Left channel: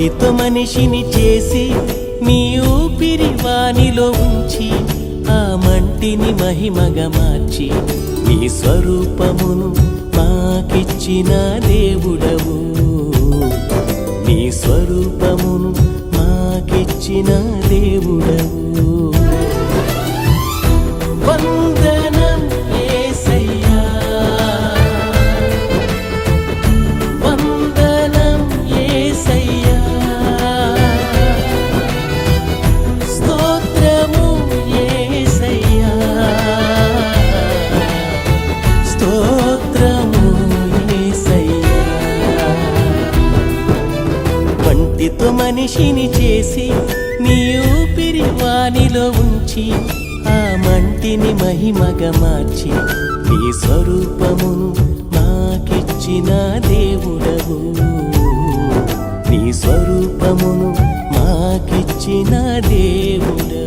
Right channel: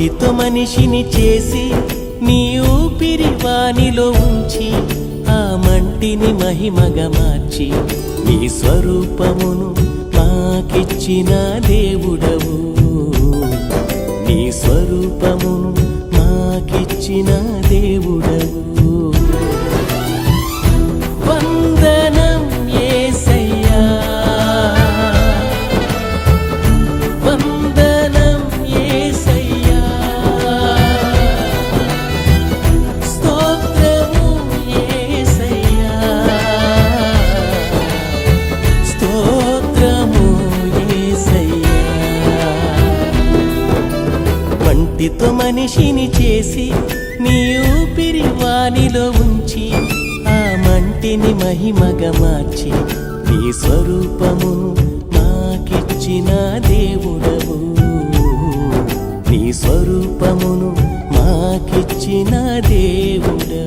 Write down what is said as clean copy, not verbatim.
మంటితో మనిషిని చేసి నీ ఊపిరి వానిలో ఉంచి ఆ మంటిని మహిమగా మార్చి నీ స్వరూపమును మాకిచ్చిన దేవుడవు. నీ స్వరూపమును మాకిచ్చిన దేవుడవు. వందనం యేసయ్యా, వందనం యేసయ్యా, స్తోత్రము యేసయ్యా, స్తోత్రము యేసయ్యా. మంటితో మనిషిని చేసి నీ ఊపిరి వానిలో ఉంచి ఆ మంటిని మహిమగా మార్చి నీ స్వరూపమును మాకిచ్చిన దేవుడవు. నీ స్వరూపమును మాకిచ్చిన దేవుడవు.